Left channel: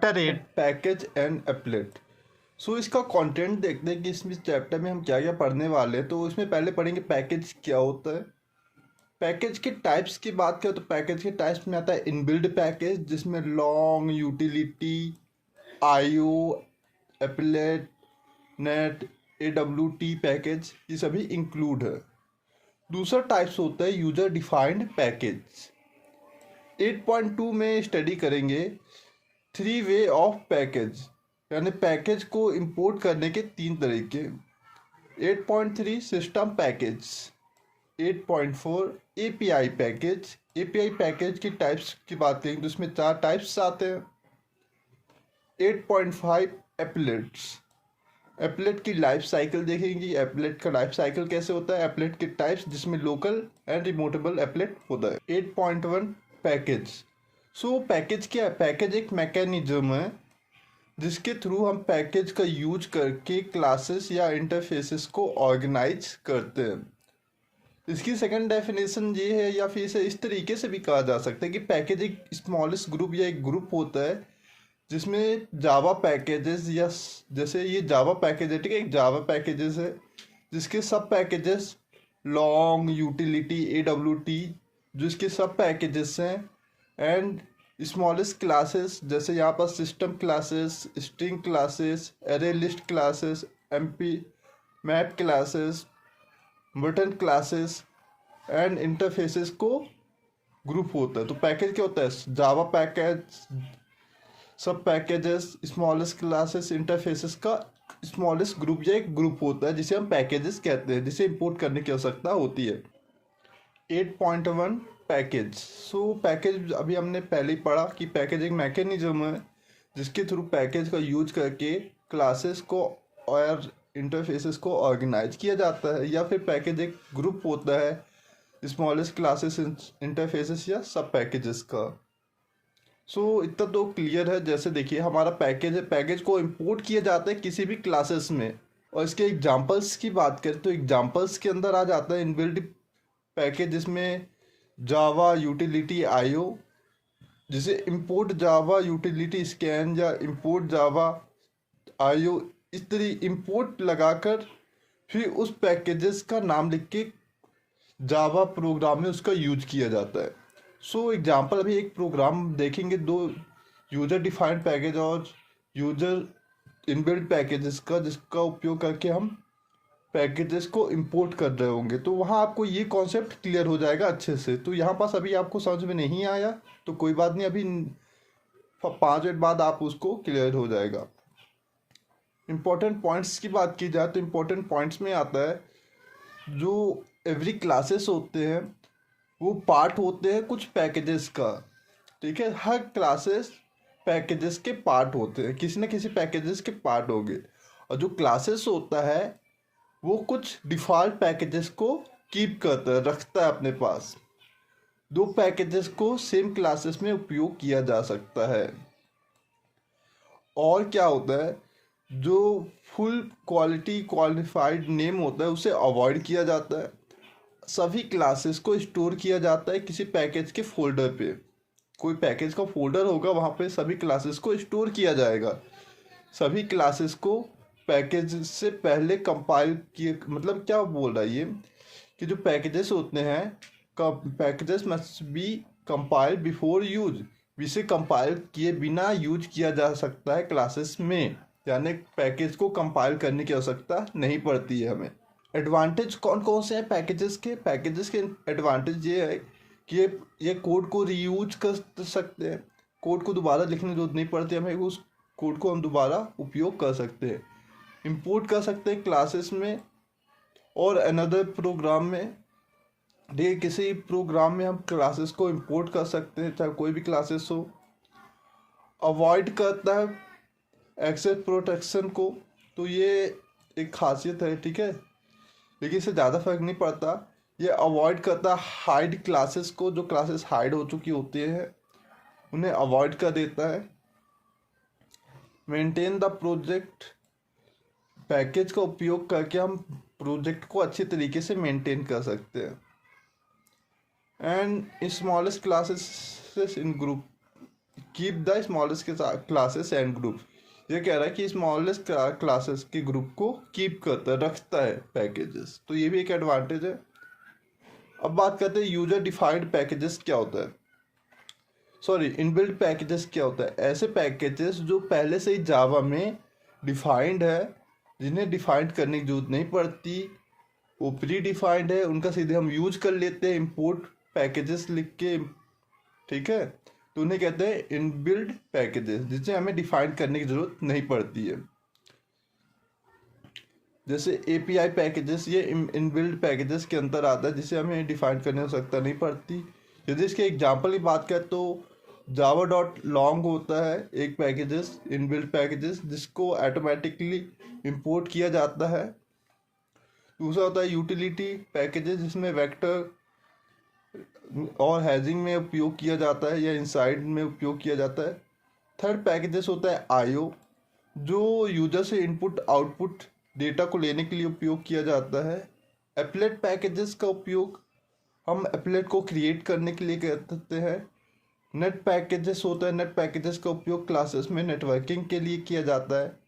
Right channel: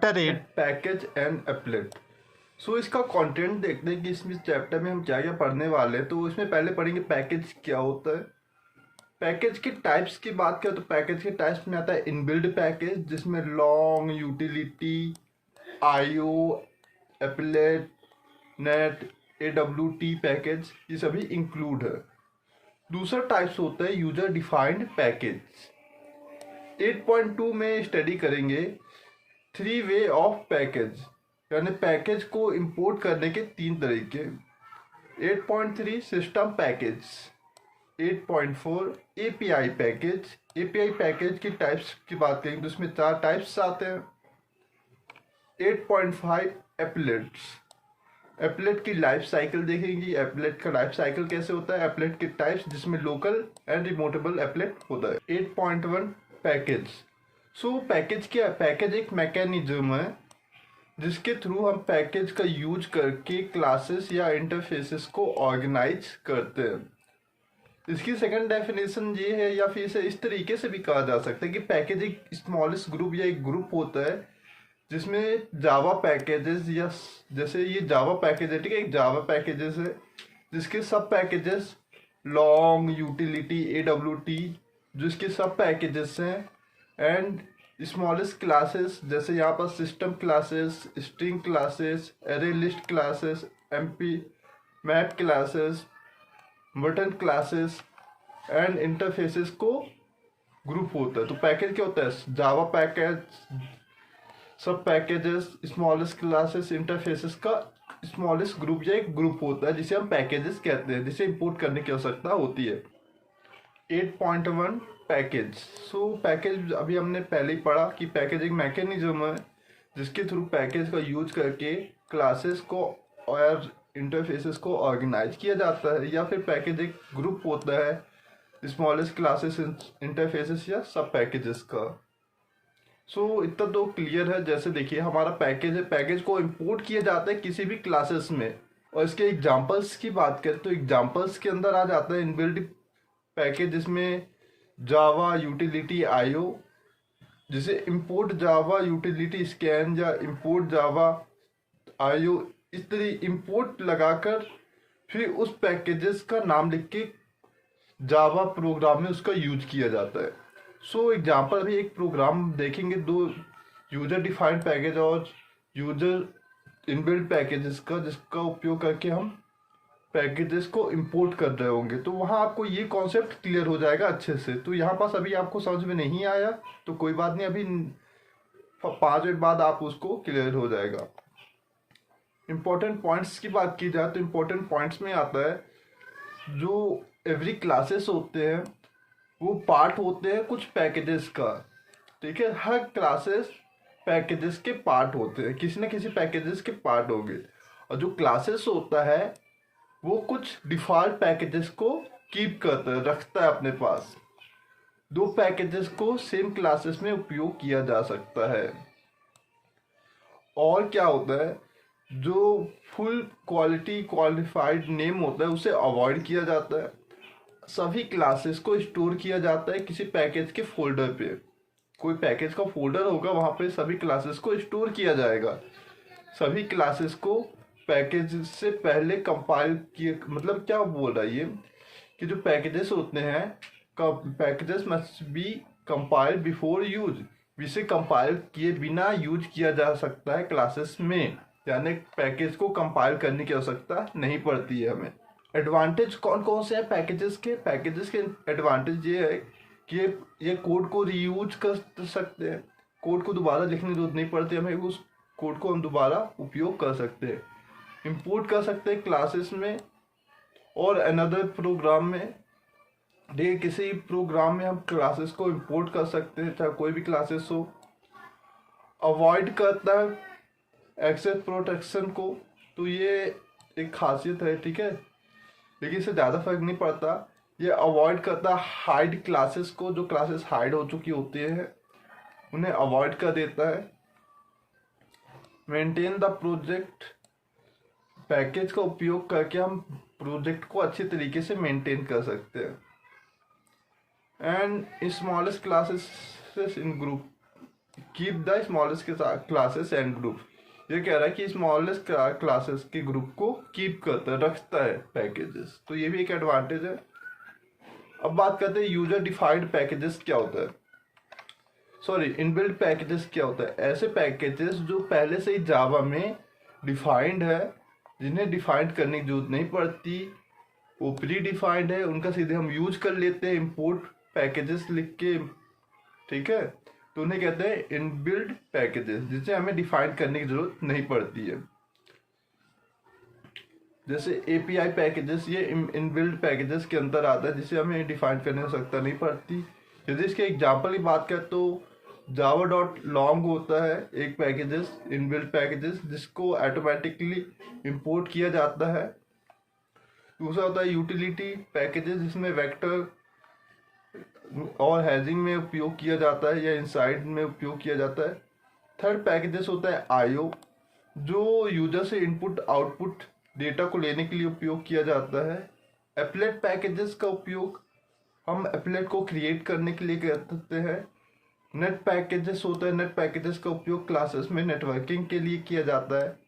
Chapter 8 package and applet. So इसका content देखते हैं कि इसमें चैप्टर में हम क्या क्या पढ़ने वाले हैं। तो इसमें पहले पढ़ेंगे पैकेज क्या होता है। पैकेज के टाइप्स की बात करें तो पैकेज के टाइप्स में आता है इनबिल्ड पैकेज, जिसमें long, utility, IO, applet, net, AWT package, ये सभी इंक्लूड है। दूसरा टाइप्स होता है यूजर डिफाइंड पैकेज। 8.2 में स्टडी करेंगे 3 वे ऑफ पैकेज, यानी पैकेज को इंपोर्ट करने के 3 तरीके। 8.3 system package. 8.4 API package. API package की टाइप्स की बात करेंगे तो इसमें 4 टाइप्स आते हैं। 8.5 एप्लेट्स। एप्लेट की लाइफ साइकिल देखेंगे, एप्लेट का लाइफ साइकिल कैसे होता है, एप्लेट के टाइप्स जिसमें लोकल एंड रिमोटेबल एप्लेट होता है। 8.1 पैकेज। सो पैकेज क्या है? पैकेज एक मैकेनिज्म है जिसके थ्रू हम पैकेज का यूज करके क्लासेस या इंटरफेसेस को ऑर्गेनाइज करते हैं। इसकी सेकंड डेफिनेशन ये है, या फिर इसे इस तरीके से भी कहा जा सकता है कि पैकेज एक स्मॉलेस्ट ग्रुप या एक ग्रुप होता है जिसमें जावा पैकेजेस, या जैसे ये जावा पैकेज है, ठीक है, एक जावा पैकेजेस है जिसके सब पैकेजेस लॉन्ग, यूटिलिटी, AWT जिसके सब पैकेजेस हैं, एंड स्मॉलेस्ट क्लासेस जैसे यहाँ पर system classes, string classes, array list classes, MP map classes, button classes and interfaces को ग्रुप होता है। तो पैकेज क्या होता है? जावा पैकेज, सब पैकेजेस, स्मॉलेस्ट क्लासेस, इंटरफेसेस का स्मॉलेस्ट ग्रुप या एक ग्रुप होता है जिसे हम पैकेजेस कहते हैं, जिसे इंपोर्ट करने की आवश्यकता होती है। 8.1 पैकेज। सो पैकेज अभी हमने पहले ही पढ़ा कि पैकेज एक मैकेनिज्म है जिसके थ्रू पैकेज का यूज करके क्लासेस को और इंटरफेसेस को ऑर्गेनाइज किया जाता है, या फिर पैकेज एक ग्रुप होता है स्मॉलेस्ट क्लासेस, इंटरफेसेस या सब पैकेजेस का। सो इतना तो क्लियर है। जैसे देखिए हमारा पैकेज है, पैकेज को इंपोर्ट किया जाता है किसी भी क्लासेस में, और इसके एग्जांपल्स की बात करें तो एग्जांपल्स के अंदर आ जाता है इनबिल्ट पैकेज, जिसमें जावा यूटिलिटी आईओ, जिसे इंपोर्ट जावा यूटिलिटी स्कैन या इंपोर्ट जावा आईओ, इस तरह इंपोर्ट लगाकर फिर उस पैकेजेस का नाम लिख के जावा प्रोग्राम में उसका यूज किया जाता है। सो एग्जांपल अभी एक प्रोग्राम देखेंगे, 2 यूजर डिफाइंड पैकेज और यूजर इनबिल्ट पैकेजेस का, जिसका उपयोग करके हम पैकेजेस को इंपोर्ट कर रहे होंगे। तो वहाँ आपको ये कॉन्सेप्ट क्लियर हो जाएगा अच्छे से। तो यहाँ पास अभी आपको समझ में नहीं आया तो कोई बात नहीं, अभी 5 मिनट बाद आप उसको क्लियर हो जाएगा। इम्पोर्टेंट पॉइंट्स की बात की जाए तो इम्पोर्टेंट पॉइंट्स में आता है जो एवरी क्लासेस होते हैं वो पार्ट होते हैं कुछ पैकेजेस का, ठीक है। हर क्लासेस पैकेजेस के पार्ट होते हैं, किसी न किसी पैकेजेस के पार्ट होंगे, और जो क्लासेस होता है वो कुछ डिफ़ॉल्ट पैकेजेस को कीप करता है, रखता है अपने पास। 2 पैकेजेस को सेम क्लासेस में उपयोग किया जा सकता है। और क्या होता है, जो फुल क्वालिटी क्वालिफाइड नेम होता है उसे अवॉइड किया जाता है। सभी क्लासेस को स्टोर किया जाता है किसी पैकेज के फोल्डर पे। कोई पैकेज का फोल्डर होगा, वहाँ पे सभी क्लासेस को स्टोर किया जाएगा। सभी क्लासेस को पैकेज से पहले कंपाइल किए, मतलब क्या बोल रहा है ये कि जो पैकेजेस होते हैं, packages must be compile before use, इसे कंपाइल किए बिना यूज किया जा सकता है क्लासेस में, यानी पैकेज को कंपाइल करने की आवश्यकता नहीं पड़ती है हमें। एडवांटेज कौन कौन से हैं पैकेजेस के? पैकेजेस के एडवांटेज ये है कि ये कोड को रीयूज कर सकते हैं, कोड को दोबारा लिखने की जरूरत नहीं पड़ती हमें, उस कोड को हम दोबारा उपयोग कर सकते हैं, इंपोर्ट कर सकते हैं क्लासेस में और अनदर प्रोग्राम में। देखिए किसी प्रोग्राम में हम क्लासेस को इंपोर्ट कर सकते हैं, चाहे कोई भी क्लासेस हो। अवॉइड करता है एक्सेस प्रोटेक्शन को, तो ये एक खासियत है, ठीक है, लेकिन इससे ज़्यादा फर्क नहीं पड़ता। ये अवॉइड करता है हाइड क्लासेस को, जो क्लासेस हाइड हो चुकी होती हैं उन्हें अवॉइड कर देता है। मेंटेन द प्रोजेक्ट, पैकेज का उपयोग करके हम प्रोजेक्ट को अच्छी तरीके से मेंटेन कर सकते हैं। And smallest classes in group, keep the smallest classes and group. ये कह रहा है कि स्मॉलेस्ट क्लासेस के ग्रुप को कीप करता है, रखता है पैकेजेस, तो ये भी एक एडवांटेज है। अब बात करते हैं यूजर डिफाइंड पैकेजेस क्या होता है, सॉरी इनबिल्ट पैकेजेस क्या होता है। ऐसे पैकेजेस जो पहले से ही जावा में डिफाइंड है, जिन्हें डिफाइंड करने की जरूरत नहीं पड़ती, वो प्री डिफाइंड है, उनका सीधे हम यूज कर लेते हैं इंपोर्ट पैकेजेस लिख के, ठीक है, तो उन्हें कहते हैं इनबिल्ट पैकेजेस, जिसे हमें डिफाइन करने की जरूरत नहीं पड़ती है। जैसे API पैकेजेस, ये इनबिल्ट पैकेजेस के अंदर आता है, जिसे हमें डिफाइन करने की आवश्यकता नहीं पड़ती। यदि इसके एग्जाम्पल की बात करें तो java.long होता है एक पैकेजेस, इनबिल्ट पैकेजेस, जिसको ऑटोमेटिकली इंपोर्ट किया जाता है। दूसरा होता है यूटिलिटी पैकेजेस, जिसमें वेक्टर और हैजिंग में उपयोग किया जाता है या इनसाइड में उपयोग किया जाता है। थर्ड पैकेजेस होता है IO, जो यूजर से इनपुट आउटपुट डेटा को लेने के लिए उपयोग किया जाता है। एप्लेट पैकेजेस का उपयोग हम एप्लेट को क्रिएट करने के लिए करते हैं। नेट पैकेजेस होता है, नेट पैकेजेस का उपयोग क्लासेस में नेटवर्किंग के लिए किया जाता है।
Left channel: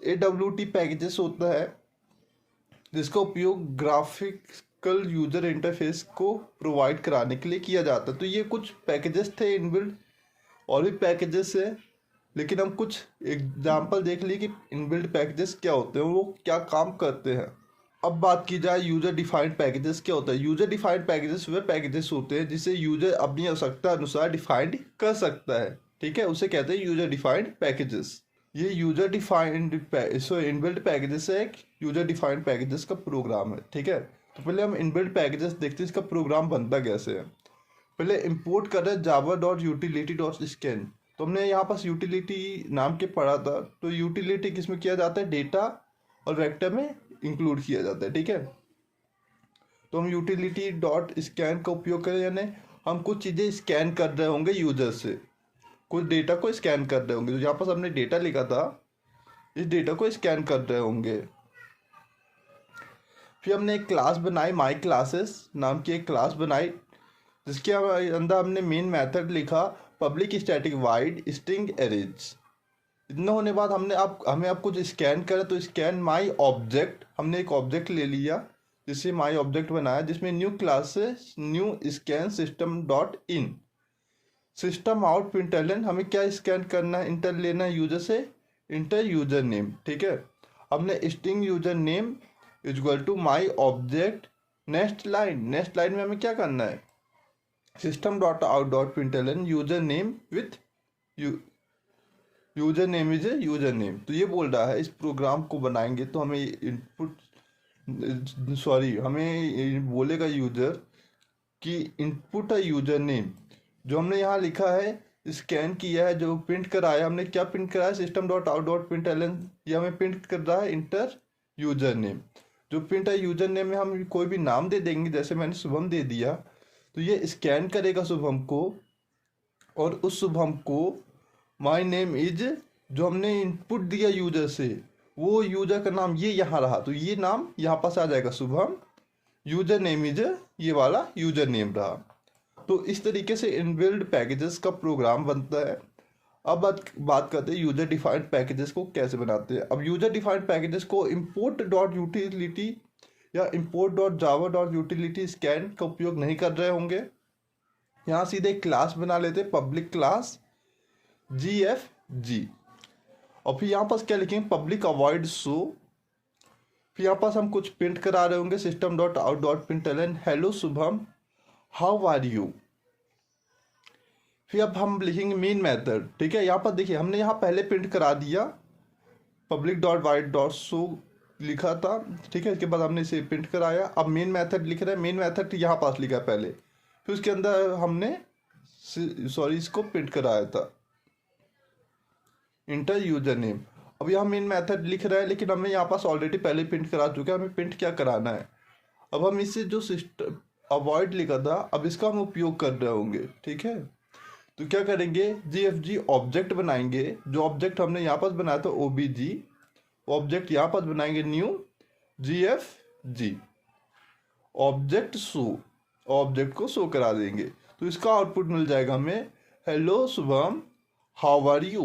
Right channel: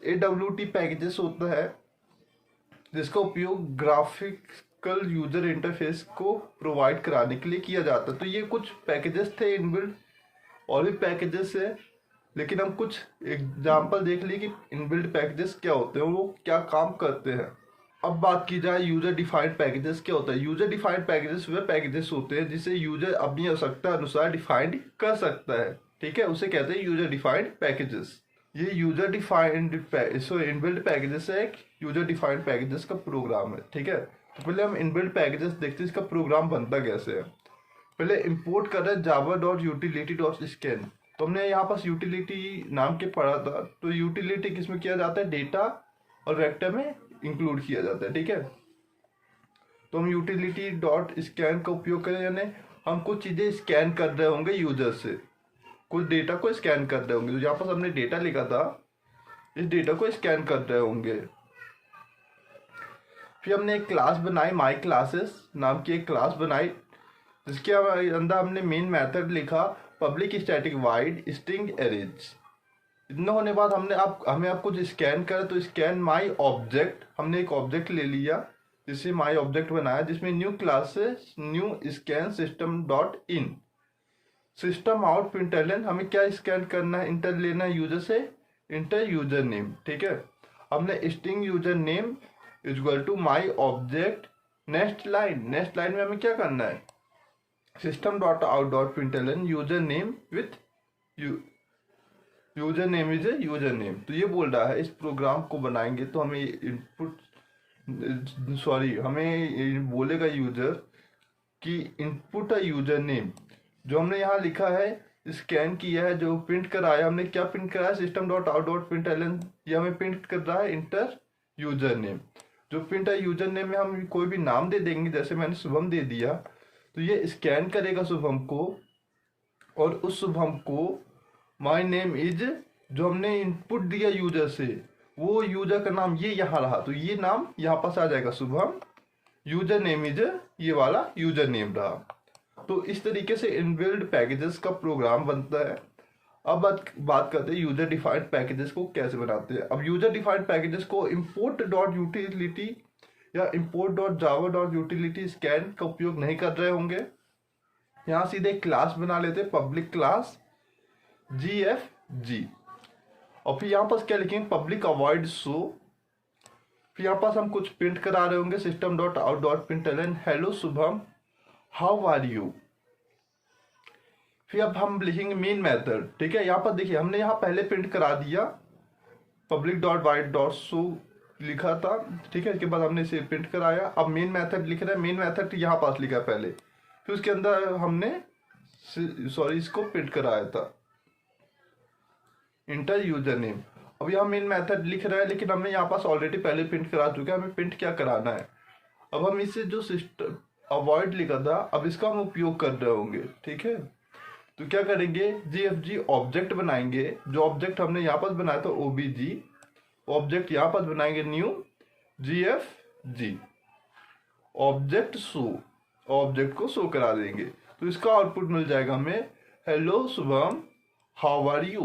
AWT पैकेजेस होता है, जिसका उपयोग ग्राफिकल यूजर इंटरफेस को प्रोवाइड कराने के लिए किया जाता है। तो ये कुछ पैकेजेस थे इनबिल्ट, और भी पैकेजेस है, लेकिन हम कुछ एग्जाम्पल देख लिए कि इनबिल्ट पैकेजेस क्या होते हैं, वो क्या काम करते हैं। अब बात की जाए यूजर डिफाइंड पैकेजेस क्या होता है। यूजर डिफाइंड पैकेजेस वे पैकेजेस होते हैं जिसे यूजर अपनी आवश्यकता अनुसार डिफाइंड कर सकता है, ठीक है, उसे कहते हैं यूजर डिफाइंड पैकेजेस। ये यूजर डिफाइंड इनबिल्ट पैकेजेस है, एक यूजर डिफाइंड पैकेजेस का प्रोग्राम है, ठीक है। तो पहले हम इनबिल्ट पैकेजेस देखते हैं, इसका प्रोग्राम बनता कैसे है। पहले इंपोर्ट कर रहे हैं java.utility.scan, तो हमने यहाँ पास यूटिलिटी नाम के पढ़ा था। तो यूटिलिटी किसमें किया जाता है, डेटा और वेक्टर में इंक्लूड किया जाता है, ठीक है। तो हम यूटिलिटी डॉट स्कैन का उपयोग करें, यानी हम कुछ चीज़ें स्कैन कर रहे होंगे यूजर से, कुछ डेटा को स्कैन कर रहे होंगे। तो यहाँ पास हमने डेटा लिखा था, इस डेटा को स्कैन कर रहे होंगे। फिर हमने एक क्लास बनाई, माई क्लासेस नाम की एक क्लास बनाई, जिसके अंदर हमने मेन मेथड लिखा public static wide string arrays. इतना होने बाद हमें अब कुछ स्कैन करें, तो स्कैन माई ऑब्जेक्ट, हमने एक ऑब्जेक्ट ले लिया जिससे माई ऑब्जेक्ट बनाया, जिसमें new classes new scan system dot in system out println. हमें क्या स्कैन करना है, इंटर लेना है यूजर से, इंटर यूजर नेम, ठीक है। हमने string user name equal to my object next line में हमें क्या करना है, system dot out dot println user name with user name is a user name. तो ये बोल रहा है इस प्रोग्राम को बनाएंगे तो हमें इनपुट हमें बोलेगा यूजर कि इनपुट है यूजर नेम, जो हमने यहाँ लिखा है स्कैन किया है, जो प्रिंट कराया, हमने क्या प्रिंट कराया, system dot out dot println, ये हमें प्रिंट कर रहा है इंटर यूजर नेम। जो प्रिंट है यूजर नेम में हम कोई भी नाम दे देंगे, जैसे मैंने शुभम दे दिया, तो ये स्कैन करेगा शुभम को, और उस शुभम को माय नेम इज, जो हमने इनपुट दिया यूजर से, वो यूजर का नाम ये यहाँ रहा, तो ये नाम यहाँ पास आ जाएगा शुभम, यूजर नेम इज ये वाला यूजर नेम रहा। तो इस तरीके से इनबिल्ट पैकेजेस का प्रोग्राम बनता है। अब बात करते हैं यूजर डिफाइंड पैकेजेस को कैसे बनाते हैं। अब यूजर डिफाइंड पैकेजेस को इंपोर्ट डॉट यूटिलिटी या import dot Java dot utility scan का उपयोग नहीं कर रहे होंगे। यहाँ सीधे क्लास बना लेते हैं, पब्लिक क्लास GFG, और फिर यहाँ पास क्या लिखेंगे, पब्लिक अवॉइड शो। फिर यहाँ पास हम कुछ प्रिंट करा रहे होंगे, system dot out dot println hello Shubham how are you. फिर अब हम लिखेंगे मेन मेथड, ठीक है। यहाँ पर देखिए हमने यहाँ पहले प्रिंट करा दिया public dot wide dot show लिखा था, ठीक है। इसके बाद हमने इसे प्रिंट कराया। अब मेन मेथड लिख रहे हैं, मेन मेथड यहाँ पास लिखा है पहले, फिर उसके अंदर हमने इसको प्रिंट कराया था इंटर यूजर नेम। अब यहाँ मेन मेथड लिख रहा है, लेकिन हमने यहाँ पास ऑलरेडी पहले प्रिंट करा चुका है, हमें प्रिंट क्या कराना है। अब हम इसे जो सिस्टम अवॉइड लिखा था, अब इसका हम उपयोग कर रहे होंगे, ठीक है। तो क्या करेंगे, GFG ऑब्जेक्ट बनाएंगे, जो ऑब्जेक्ट हमने यहाँ पास बनाया था OBG ऑब्जेक्ट, यहाँ पास बनाएंगे new GFG object show, object को शो करा देंगे। तो इसका आउटपुट मिल जाएगा हमें hello Shubham how are you.